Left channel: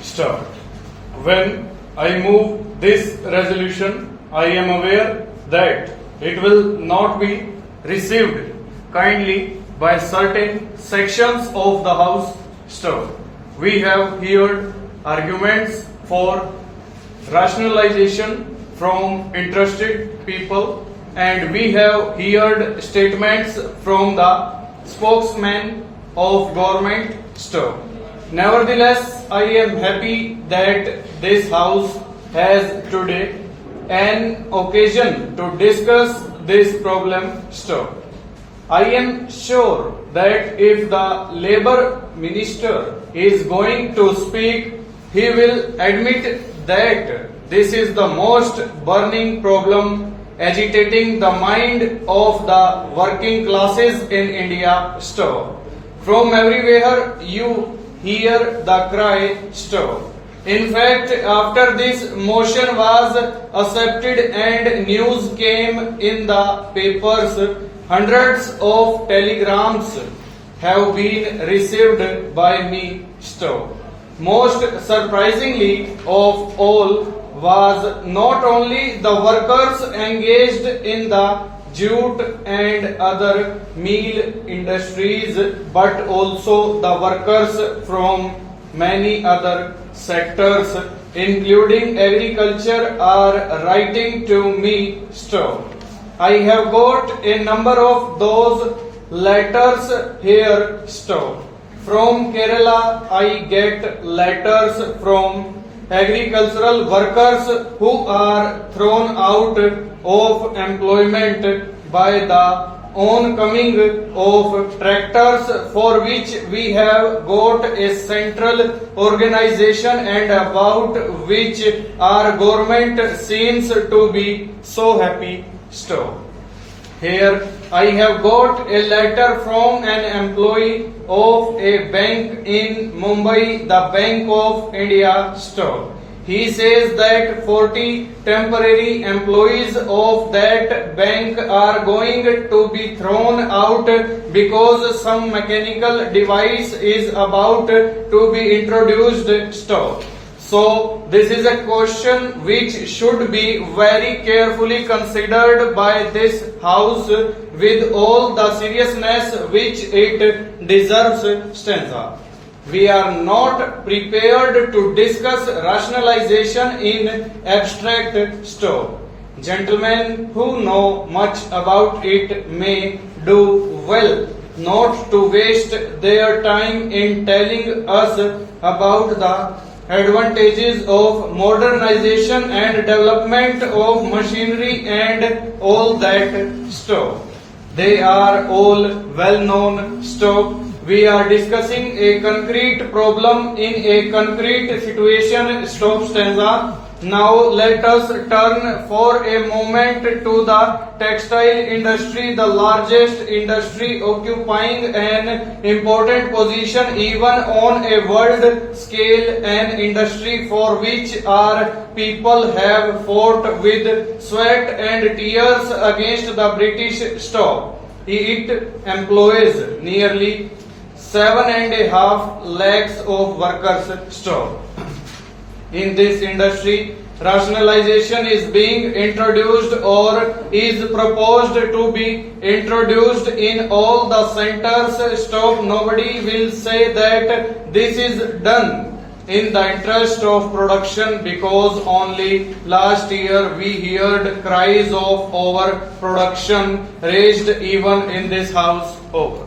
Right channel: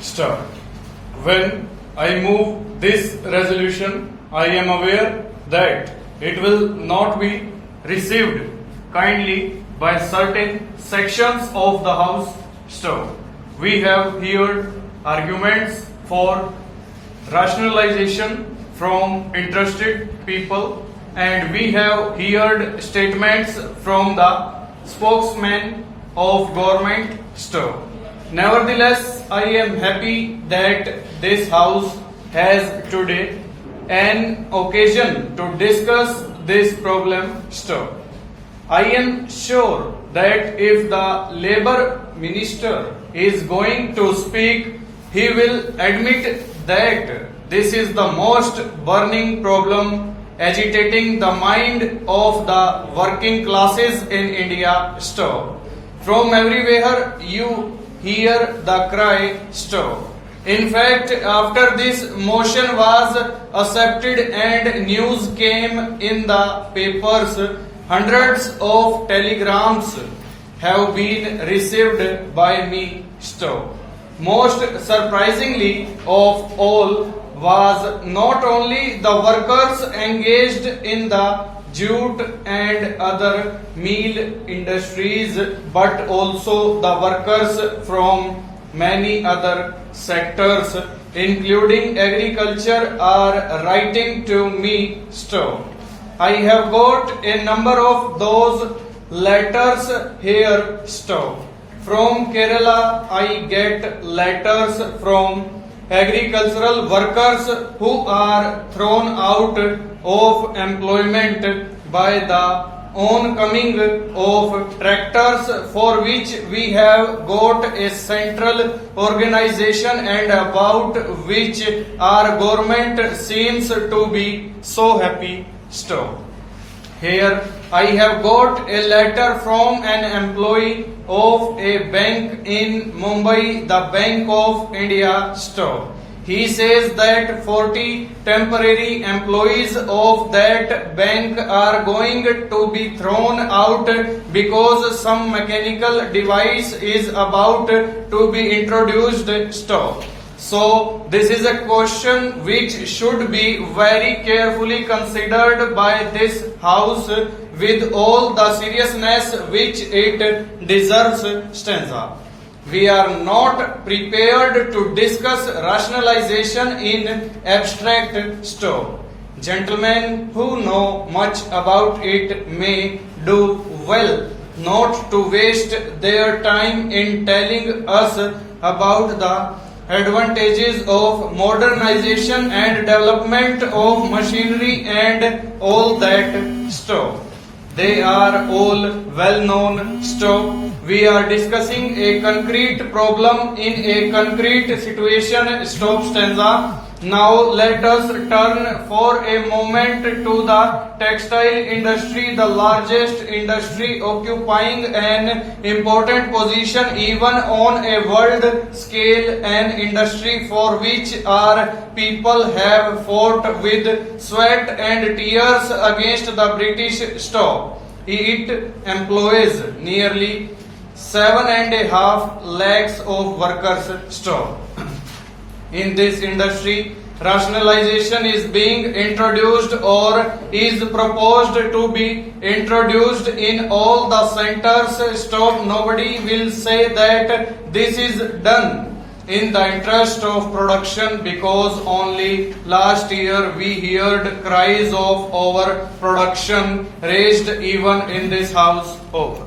start. When I move this resolution, I am aware that it will not be received kindly by certain sections of the House staff. We have heard arguments for rationalization from interested people, and we have heard statements from the spokesman of government staff. Nevertheless, I am happy that this House has today an occasion to discuss this problem staff. I am sure that if the Labour Minister is going to speak, he will admit that this is the most burning problem agitating the mind of the working classes in India. Stop. From everywhere you hear the cry stop. In fact, after this motion was accepted and news came in the papers, hundreds of telegrams have been received by me. Stop. Most surprisingly of all was not only the workers engaged in the jute and other meal industries, but also the workers from many other sectors, including agriculture, are writing to me. Stop. I have got a number of those letters here. Stop. From Kerala, I get letters from agricultural workers who are thrown out of employment by the oncoming of tractors, for which we have got a central organization and about which our government seems to be so happy. Stop. Here I have got a letter from an employee of a bank in Mumbai, the Bank of India. Stop. He says that 40 temporary employees of that bank are going to be thrown out because some mechanical device is about to be introduced. Stop. So, this is a question which should be very carefully considered by this House with all the seriousness which it deserves. Stanza. We are not prepared to discuss rationalization in abstract. Stop. Gentlemen who know much about it may do well not to waste their time in telling us about the advantages of modernization and development of machinery and all that stuff. They are all well known stuff. We are discussing a concrete problem in a concrete situation. Stop. Stanza. Now let us turn for a moment to the textile industry, the largest industry occupying an important position even on a world scale, an industry for which our people have fought with sweat and tears against the British. Stop. It employs nearly 7.5 lakhs of workers. Stop. In this industry, rationalization is being introduced or is proposed to be introduced in all the centers. Stop. Nobody will say that this is done in the interest of production, because only last year we heard cries of overproduction raised even in this House. Over.